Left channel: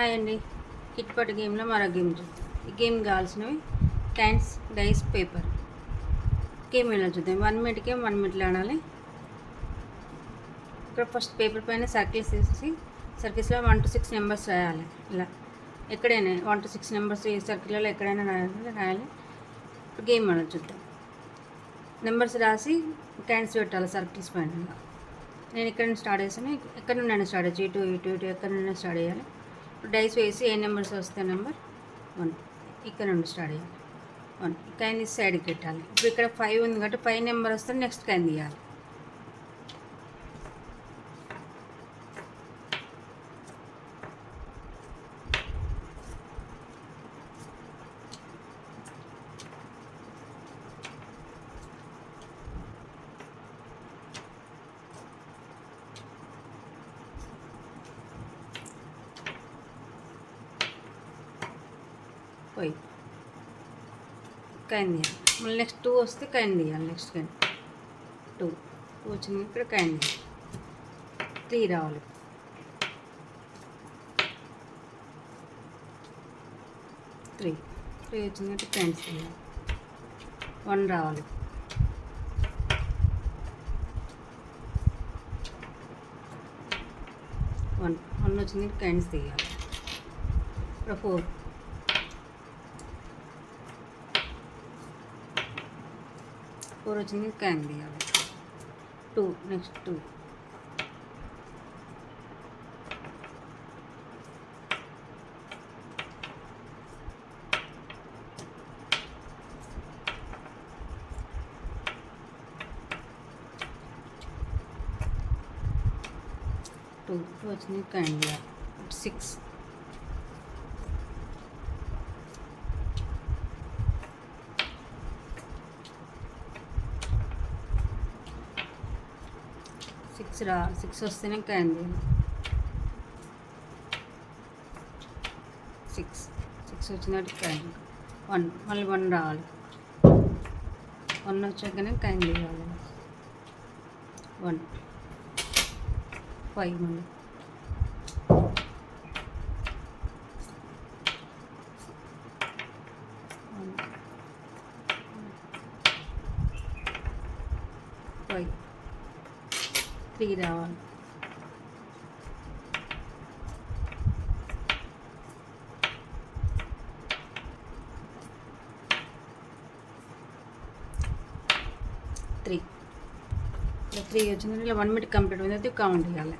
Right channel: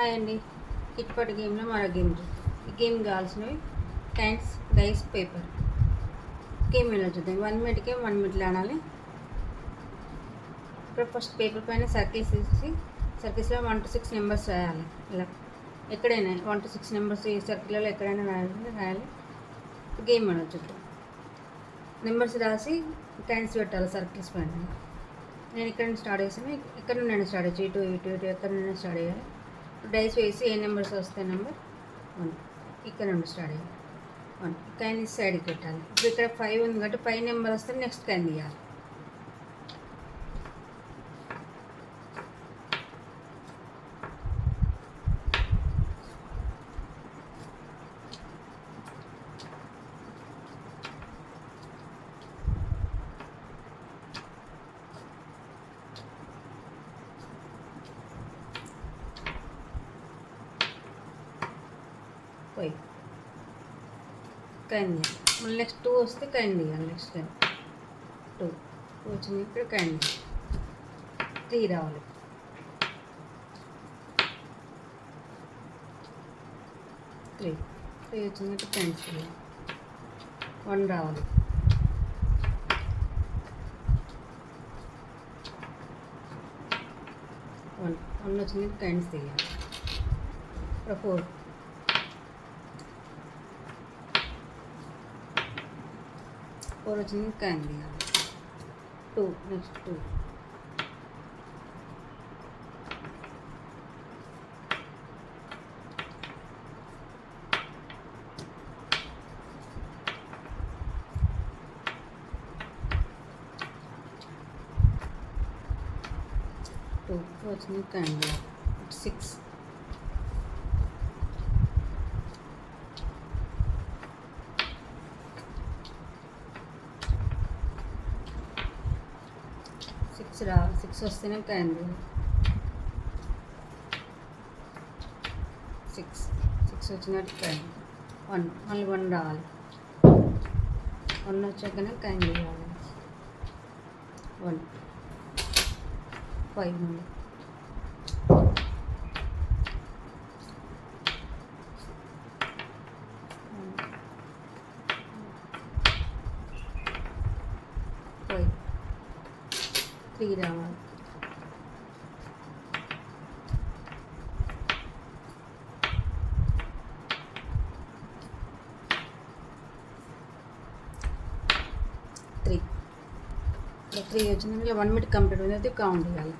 Hi అండి. కిట్పాట్ గేమ్లో మరో గేమ్ చూద్దాం. ఈ గేమ్ కావాల్సినవి క్యాన్స్, డైస్, పేపర్. గేమ్ ఎలా చూద్దాం. 1 మినిట్కి 1 మినిట్లో ఆడాలి. ఇక్కడ ఫస్ట్ పేపర్ పైన సర్కిల్స్ వేసి సర్కిల్స్లో 1 to 6 నెంబర్స్ రాయాలి. ఇలా ఎక్కడైనా 1 to 6 నెంబర్స్ ఈ సర్కిల్లో ఎక్కడైనా రాయాలి. గేమ్ ఎలా చూద్దాం. నెంబర్స్ రాసి క్యాన్స్ పెట్టాలి సర్కిల్స్ పైన. నేను ఇక్కడ నుంచి స్టార్ట్ చేసాను. ఎక్కడ నుండి స్టార్ట్ చేయొచ్చు. ఇటు ఎక్కడ నుండి స్టార్ట్ చేయాలి. డైస్ వేసి ఏ నెంబర్స్ వస్తే నెంబర్ 1 ఇక్కడ నుండి స్టార్ట్ చేయాలి. 1 కాయిన్ తీసి సైడ్కి పెట్టాలి. ఇప్పుడు ఇక్కడ 5 ఉంది కాబట్టి 5 నెంబర్ వస్తే నెక్స్ట్ కాయిన్ తీయాలి. పోయి కాయిన్ తీయాలి. మళ్ళీ నెక్స్ట్ 2 వస్తే కాయిన్ తీయాలి. నెక్స్ట్ కాయిన్ 2 వచ్చింది. ఇక్కడ కాయిన్ తీయాలి. 3 రావాలి. 3 వచ్చింది. ఇక్కడ కాయిన్స్ తీయాలి. 1 రావాలి. 1 వచ్చింది. కాయిన్స్ తీయాలి. ఇక్కడ 4 వచ్చింది. కాయిన్ తీయాలి. 2 నెక్స్ట్ 2 వచ్చింది. కాయిన్ తీయాలి. 6 6 వస్తేనే కాయిన్ తీయాలి. 6 వచ్చినట్టు కాయిన్ 1 మళ్ళీ 1 రావాలి. 1 వచ్చాకనే కాయిన్ తీయాలి. 1 5 మళ్ళీ 5 3 రావాలి. 3 వచ్చింది. ఇలా 1 మినిట్ కంప్లీట్ అయింది. కౌంట్ చేయాలి.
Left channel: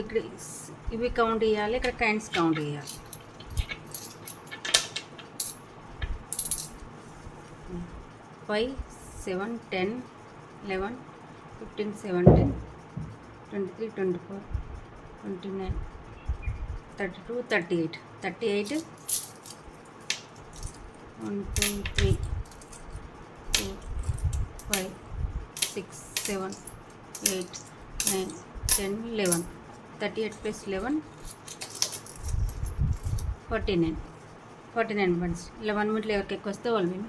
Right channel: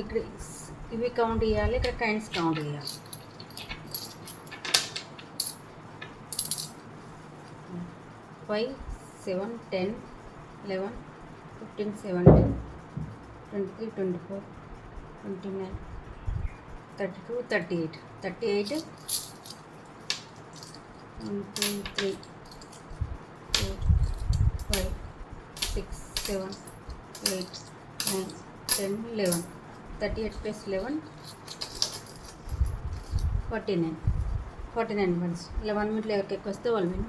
ఇక్కడ ఇవి కౌంట్ చేయాలి. ఇక్కడ కాయిన్స్ కౌంట్ చేయాలి. 5 7 10 11 15 17 23 24 29 32 38 1 2 3 4 5 6 7 8 9 10 11 38 plus 11 49 వన్స్. ఇలా 1 మినిట్లో ఎవరికి ఎక్కువ వస్తే వాళ్ళు విన్.